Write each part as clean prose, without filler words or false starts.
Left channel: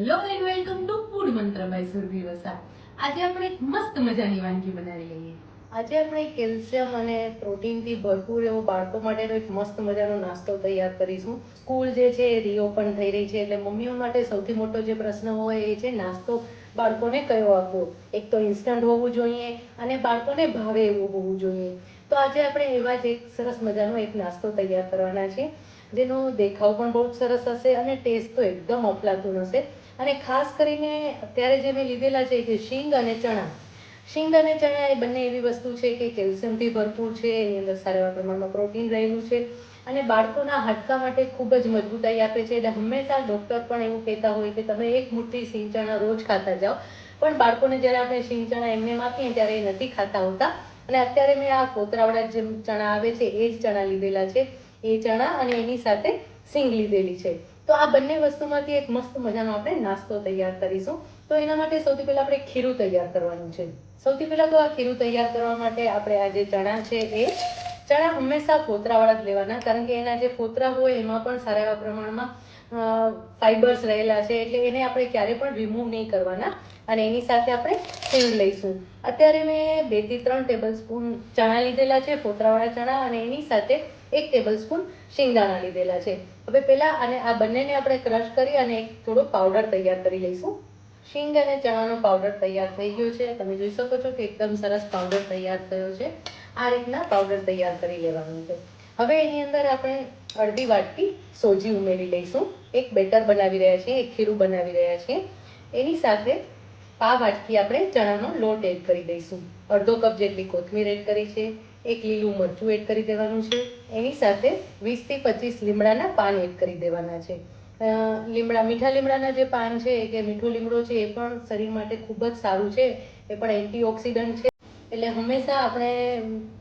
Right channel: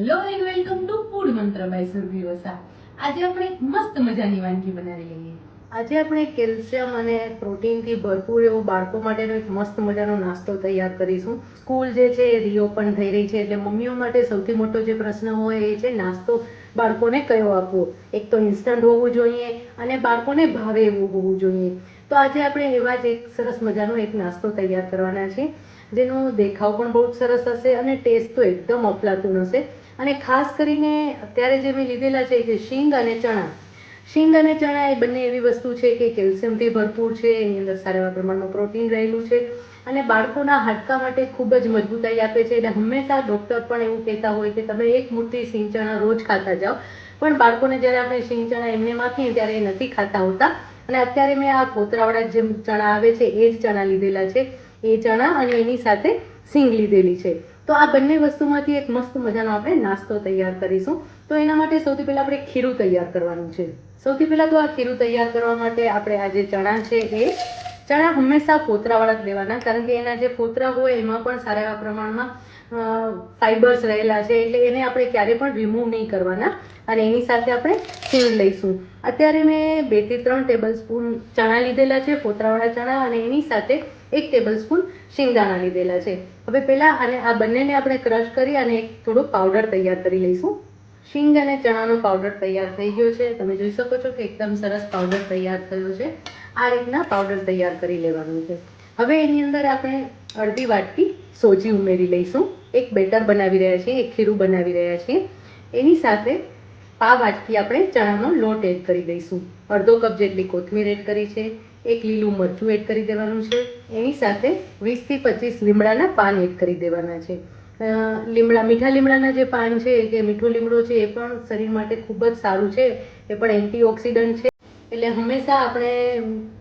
Hello and welcome to food મંત્ર by Surabhi Vasa. આજે આપણે એક મસ્ત મજાની વાનગી બનાવી લઈએ. આજે આપણે કેલ્શિયમ અને પ્રોટીનથી ભરપૂર એવું બાળકો માટેનો એક મસ્ત મજાનો નાસ્તો તૈયાર કરીશું. સ્કૂલ જે છે એ રીઓપન થઈ રહી છે, એટલે મમ્મીઓ માટે સૌથી મોટો જે પ્રશ્ન હોય એ છે નાસ્તો બાળકોને કયો આપવો. એક તો ઇન્સ્ટન્ટ હોવું જોઈએ અને બાળકોને ભાવે એવું હોવું જોઈએ. તો આજે આપણે એવા જ એક સરસ મજાનો એક નાસ્તો તૈયાર કરવાના છે, જેનો દેખાવ પણ બહુ સરસ હશે અને ટેસ્ટ તો એકદમ અફલાતું હશે. અને ખાસ કરીને અત્યારે જે મેં લીધેલા છે કે શીંગ અને ચણા. શીંગ અને ચણા એ બંને એવી વસ્તુ છે કે કેલ્શિયમથી ભરપૂર છે, એની અંદર સારા એવા પ્રમાણમાં પ્રોટીન રહેલું છે અને બાળકોના હાડકા માટે ખૂબ જ મજબૂતાઈ આપે છે. એટલે હંમેશા ડૉક્ટર પણ એવું કહેતા હોય કે તમે એક મુઠ્ઠી શીંગ ચણા રોજ ખાતા જાઓ, પણ બાળકોને જ્યારે આપણે શીંગ ચણા એમને આપીએ ત્યારે એ નથી ખાતા હોતા. અને અત્યારે મેં આ ફોતરાવાળા જે ચણા આવે છે એ જ ચણા લીધેલા છે, એ ચણા અને એની સાથે શીંગ લીધેલી છે. તો આ બંને વસ્તુમાંથી એક મસ્ત મજાનો આપણે નાસ્તો તૈયાર કરીશું. તો એના માટે સૌથી પહેલા આપણે ખીરું તૈયાર કરવાનું છે. સૌથી પહેલા તો આ ખીરું તૈયાર કરવા માટે આપણે આ જે ચણા છે એ ચણા હંમેશા ફોતરાવાળા જ લેવાના, કારણ કે એના જે ફોતરા હોય એમાં પણ સારા એવા પ્રમાણમાં ફાઈબર્સ રહેલા છે, એટલે એને આપણે ક્યારે પણ રિમૂવ નહીં કરવાના. અને એની સાથે આપણે શીંગ લઈશું. અત્યારે મેં 2 થી 3 ટેબલ સ્પૂન ચણા લીધેલા છે, ફોતરાવાળા ચણા, અને એની સાથે 1 ટેબલ સ્પૂન શિંગદાણા લીધેલા છે. હવે પહેલા અને આ બંનેને આપણે ક્રશ કરી અને એક થોડો પાવડર તૈયાર કરી લઈશું. શીંગ અને ચણાનો પાવડર તૈયાર થઈ ગયો છે. તમે જોઈ શકો છો કે એકદમ સરસ પાવડર તૈયાર થયો છે. આ રીતના પાવડર તૈયાર કરી લેવાનું છે. હવે એની અંદર આપણે અડધી વાટકી સોજી ઉમેરી લઈશું. એક બેટર બનાવી રહ્યા છીએ, એક ખીરું બનાવી રહ્યા છીએ. એની સાથે પા વાટકી આપણે ચણાનો લોટ એડ કરી દઈશું. અડધો કપ જેટલી કોથમીર એડ કરી છે, એક લીલું મરચું એડ કરી દેવાનું છે. એની સાથે 20 થી 25 લીમડાના પાન એડ કરી દેવાના છે. મીઠા લીમડાના જે પાન છે, કે મીઠો લીમડો છે, એ પણ શરીર માટે ખૂબ જ સારું છે. એ પણ એન્ટીઓક્સિડન્ટ છે. એટલે હંમેશા આપણે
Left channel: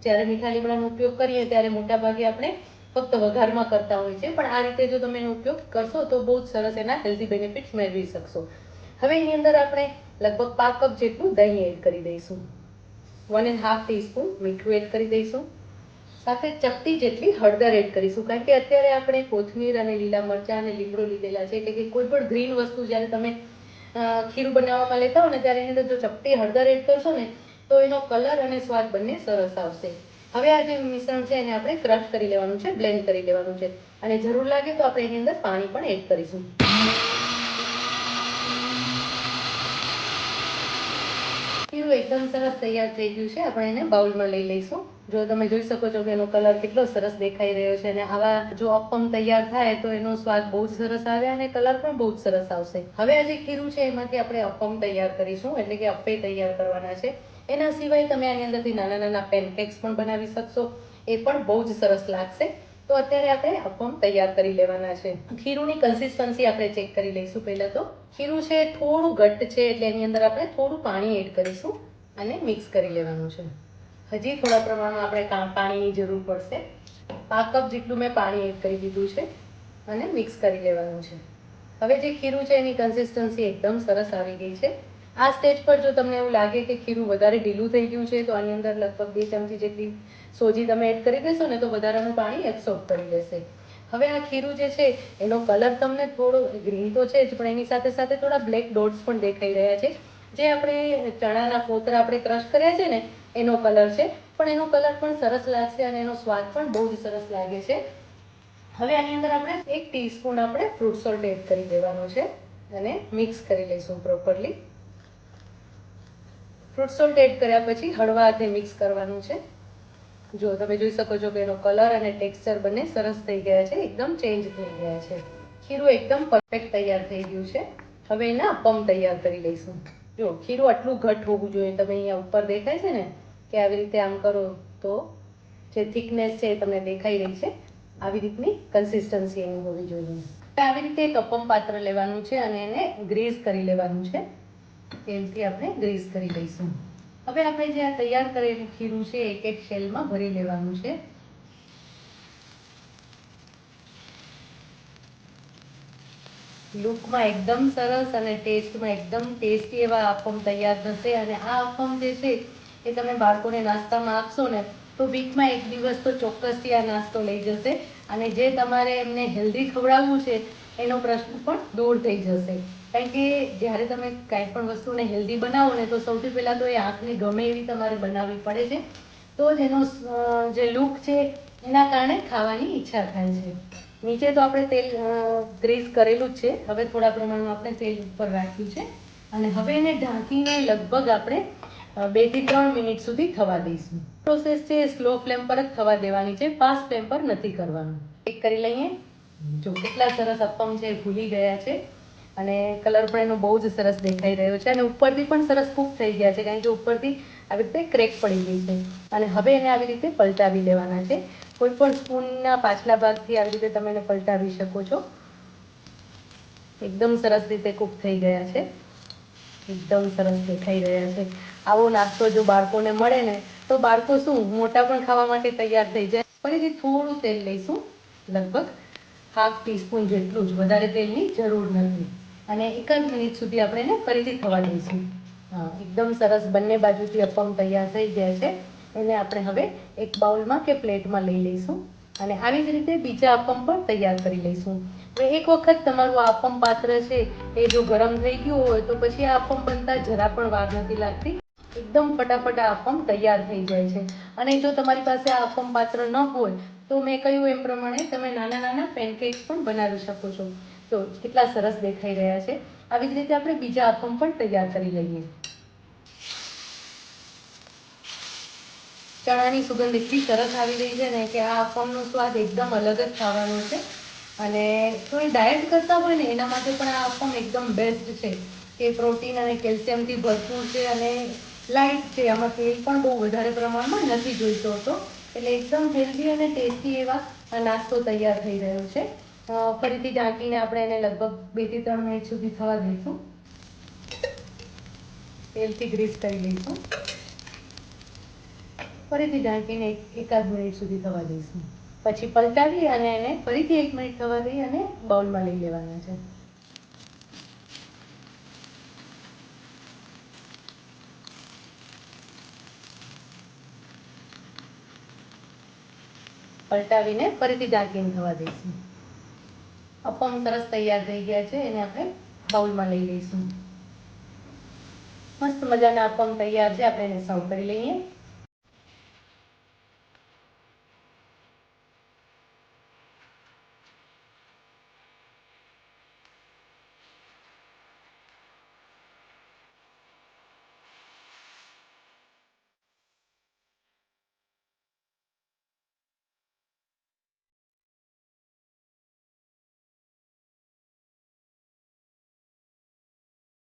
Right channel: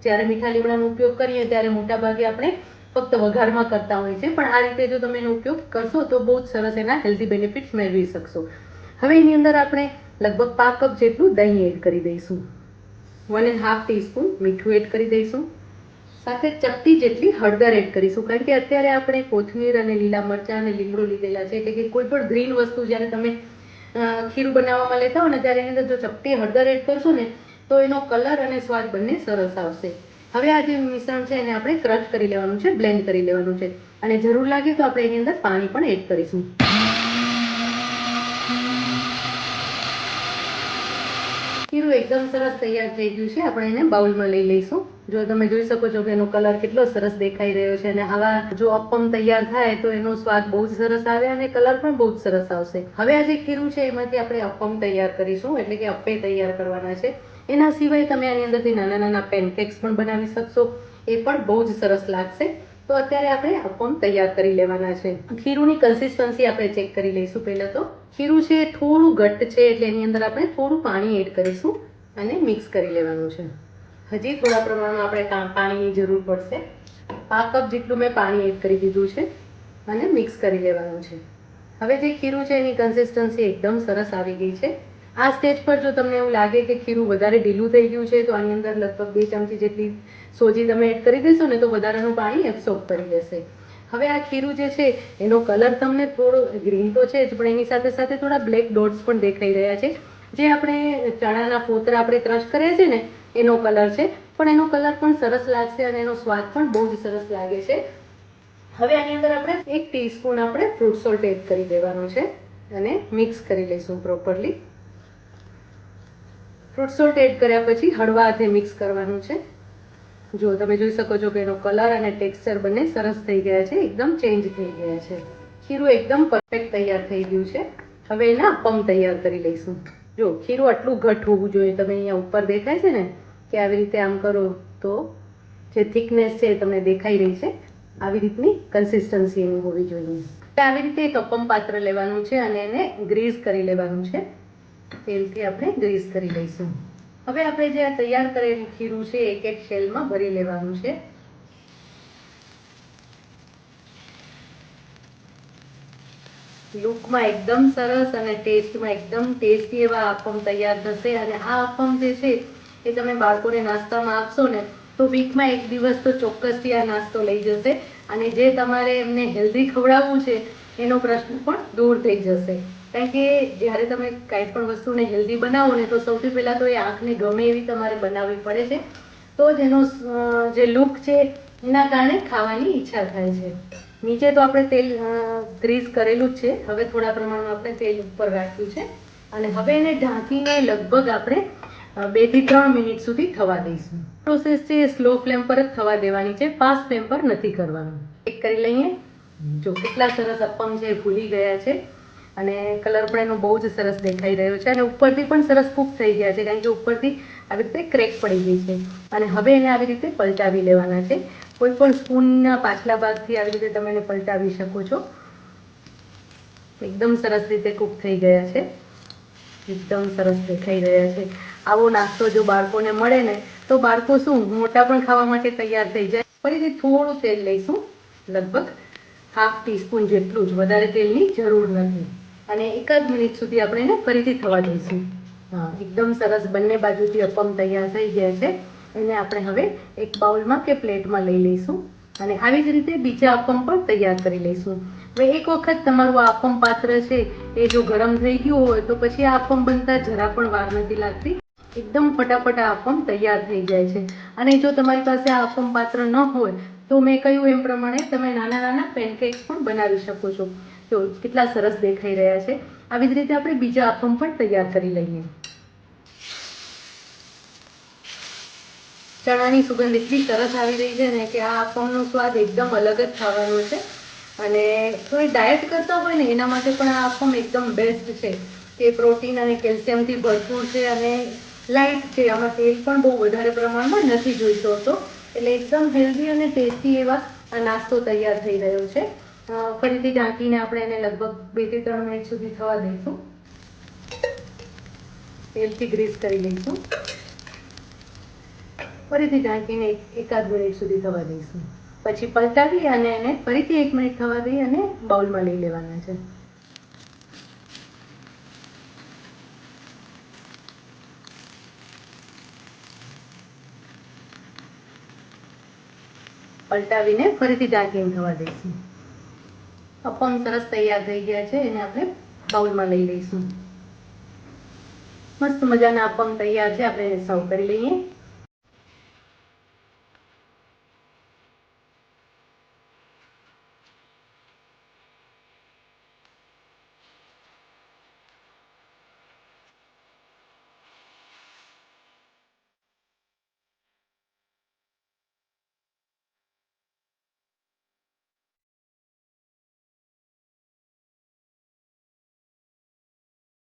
જ્યારે મીઠા લીમડાનો ઉપયોગ કરીએ ત્યારે મોટાભાગે આપણે ફક્ત વઘારમાં કરતા હોય છે, પણ આ રીતે જો તમે એનો ઉપયોગ કરશો તો બહુ જ સરસ એના હેલ્ધી બેનિફિટ્સ મેળવી શકશો. હવે એની અંદર આપણે લગભગ 5 કપ જેટલું દહીં એડ કરી દઈશું. 1.5 ટીસ્પૂન મીઠું એડ કરી દઈશું. સાથે ચપટી જેટલી હળદર એડ કરીશું, કારણ કે અત્યારે આપણે કોથમીર અને લીલા મરચાં અને લીમડો લીધેલા છે, એટલે કે કોઈ પણ ગ્રીન વસ્તુ જ્યારે તમે ખીરું બનાવવામાં લેતા હો ને ત્યારે એની અંદર જો ચપટી હળદર એડ કરશો ને તો એનો કલર અને સ્વાદ બંને સરસ આવશે. હવે આ જે મિશ્રણ છે એને આપણે ક્રશ કરી લેવાનું છે, બ્લેન્ડ કરી લેવાનું છે, અને જરૂર લાગે તો આપણે એની અંદર પાણી પણ એડ કરીશું. ખીરું એકદમ સરસ તૈયાર થઈ ગયું છે. આપણે એને બાઉલમાં લઈ લઈશું. જો તમે જોઈ શકો છો કે એનો કલર કેટલો સરસ દેખાઈ રહ્યો છે, અને આવા જો અપમ તૈયાર થાય તો એનો સ્વાદ બહુ જ સરસ આવે અને કલર પણ બહુ જ સરસ આવશે. હવે આ જે ખીરું છે એમાંથી આપણે અપમ તૈયાર કરીશું, એટલે કે અપ્પે તૈયાર કરવાના છે. એના સિવાય તમે આની અંદરથી નાના નાના પેનકેક્સ પણ બનાવી શકશો, એ પણ બહુ જ સરસ લાગશે. તો અત્યારે આપણે અપમ તૈયાર કરી લેવાના છે. ખીરુંની કન્સિસ્ટન્સી આપણે ચેક કરી લઈશું. પહેલા તો ખીરું છે થોડું ઘટ્ટ છે, એટલે એની અંદર આપણે થોડું પાણી એડ કરીશું અને મિક્સ કરી લેવાનું છે. હજી થોડા પ્રમાણમાં આપણે પાણીની જરૂર પડશે. 5 કપ જેટલું મેં પાણી એડ કરી દીધું છે અને મિક્સ કરી લેવાનું છે. હવે જે ખીરું છે એની કન્સિસ્ટન્સી એકદમ સરસ આવી ગઈ છે. આ સ્ટેજ પર જો તમને એવું લાગે કે ખીરું વધારે ઢીલું થઈ ગયું છે, તો આની અંદર લગભગ 2 ચમચી જેટલી સોજી તમે એડ કરી દેશો ને તો વધારાનું પાણી એબ્સોર્બ કરી લેશે. હવે આ ખીરું જે છે એનો કલર તમને થોડો ગ્રીન તો છે જ, પણ એની સાથે સાથે થોડા બ્લેક ડોટ્સ પણ દેખાઈ રહ્યા છે, જે આપણે ચણાના ફોતરા આપણે ક્રશ કર્યા છે ને એનો કલર છે. પણ એનો કલર પણ સરસ લાગશે અને એનો સ્વાદ પણ બહુ જ સરસ લાગે છે. હવે આની અંદર આપણે 1 ટીસ્પૂન આપણે ફ્રૂટ સોલ્ટ એડ કરી દેવાનો છે અને મિક્સ કરી લઈશું પ્રોપરલી. ફ્રૂટ સોલ્ટ એડ કર્યા પછી હળવા હાથે મિક્સ કરવાનું છે. જો તમે જોઈ શકો છો કે એનો કલર અને ટેક્સચર બંને સરસ થઈ ગયા છે, એકદમ ચેન્જ થઈ ગયા છે. ખીરું એકદમ પરફેક્ટ તૈયાર થઈ ગયું છે. હવે એના અપમ તૈયાર કરી લઈશું. જો ખીરું આટલું ઘટ હોવું જોઈએ. તમે અહીંયા ઉપર દેખાય છે ને કે આવી રીતે આમ કરો તો જે થિકનેસ છે એ તમને દેખાઈ રહી છે, આવી રીતની કન્સિસ્ટન્સી એની હોવી જોઈએ. આવી રીતે એક અપમ પાત્ર લેવાનું છે અને એને ગ્રીસ કરી લેવાનું છે. તેલથી આપણે ગ્રીસ કરી લઈશું. હવે આપણે જે તૈયાર કરેલું ખીરું છે એક એક શેલમાં ભરી લેવાનું છે. લુકમાં એકદમ સરસ અને ટેસ્ટમાં એકદમ ટેસ્ટી એવા અપમ તૈયાર થશે. અને આ અપમ જે છે એ તમે બાળકોને નાસ્તામાં આપશો ને તો વીકમાં 1 દિવસ તો ચોક્કસથી આ નાસ્તો લઈ જશે. અને જે તમારે એમને હેલ્ધી ખવડાવવું છે એનો પ્રશ્ન પણ દૂર થઈ જશે. કારણ કે જ્યારે તમે કાંઈ પણ વસ્તુને હેલ્ધી બનાવો ને તો સૌથી પહેલાં તો એ આંખને ગમે એવી તમારે બનાવવી પડે છે, તો જ એનો જે લુક છે એના કારણે ખાવાની ઈચ્છા થાય છે. નીચે તો આપણે તેલ ગ્રીસ કરેલું જ છે. હવે થોડા પ્રમાણમાં આપણે તેલ ઉપર રાખ્યું છે અને હવે એને ઢાંકીને લગભગ આપણે 2 થી 3 મિનિટ સુધી થવા દઈશું. પ્રોસેસ છે સ્લો ફ્લેમ પર જ થવા દેવાની છે, ફાસ્ટ ફ્લેમ પર નથી કરવાનું. ચેક કરી લઈએ. જો કેટલા સરસ અપમ છે ભૂલી ગયા છે અને કલર પણ એનો બહુ જ સરસ દેખાઈ રહ્યો છે અને ઉપરથી પણ સરસ કૂક થઈ ગયા છે, કારણ કે ઉપરથી આવી રીતે ક્રેક પડી ગઈ છે. અને હવે એને આવી રીતે પલટાવી લેવાના છે. કોઈ પણ સ્પૂનના પાછલા ભાગથી આવી રીતે તમે એને પલટાવી શકો છો. એકદમ સરસ રીતે કૂક થઈ ગયા છે, એકદમ સરસ દેખાઈ રહ્યા છે. આવો નાસ્તો જો બાળકોને મળે ને તો બાળકો શું મોટા પણ ખાવા માટે તૈયાર થઈ જાય. ફરીથી થોડું તેલ લઈશું, લગભગ ½ ટીસ્પૂન જેટલું જ, વધારે તેલની જરૂર નથી. અને 1 મિનિટ સુધી આપણે એને ફરીથી થવા દઈશું. એકદમ સરસ બંને બાજુથી અપમ તૈયાર થઈ ગયા છે. એને આપણે હવે એક બાઉલમાં કે પ્લેટમાં લઈ લઈશું અને આવી જ રીતે બીજા અપમ પણ તૈયાર કરી લઈશું. હવે એક વખત તમારું અપમ પાત્ર છે એ જો ગરમ થઈ ગયું હોય તો પછી આ અપમ બનતા જરા પણ વાર નથી લાગતી. એકદમ ફટાફટ આ અપમ તૈયાર થઈ જાય છે. અને જો તમારી પાસે આ અપમ પાત્ર ન હોય તો મેં કહ્યું એમ પ્રમાણે તમે નાના નાના પેનકેક્સ પણ બનાવી શકો છો. જો કેટલા સરસ દેખાઈ રહ્યા છે. આવી જ રીતે આપણે બીજા અપમ પણ તૈયાર કરી લઈએ. ચણાની સુગંધ એટલી સરસ આવી રહી છે ને કે આ અપમનો સ્વાદ એકદમ અલગ જ ખાવાનો છે. અને થોડી ડાયટ કરતા હોય ને એના માટે પણ આ અપમ એકદમ બેસ્ટ છે. તે પ્રોટીન અને કેલ્શિયમથી ભરપૂર છે અને લાઈટ છે. આમાં તેલ પણ બહુ વધારે પ્રમાણમાં નથી જોઈતો હતો, એટલે એકદમ હેલ્ધી અને ટેસ્ટી એવા આ નાસ્તો તૈયાર થઈ રહ્યો છે. ફરીથી ઢાંકીને આપણે એને લગભગ 2 થી 3 મિનિટ સુધી થવા દઈશું. તેલથી ગ્રીસ કરી લઈશું. ફરીથી ઢાંકીને 1 મિનિટ સુધી થવા દઈશું. પછી પલટાવી અને એને ફરીથી 1 મિનિટ થવા દઈ અને બાઉલમાં લઈ લેવાના છે. પલટાવીને ફરીથી ઢાંકીને થવા દઈશું. અપમ સરસ તૈયાર થઈ ગયા છે. એને આપણે બાઉલમાં લઈ લઈશું. મસ્ત મજાના અપમ તૈયાર છે. આપણે એને સર્વ કરી લઈએ.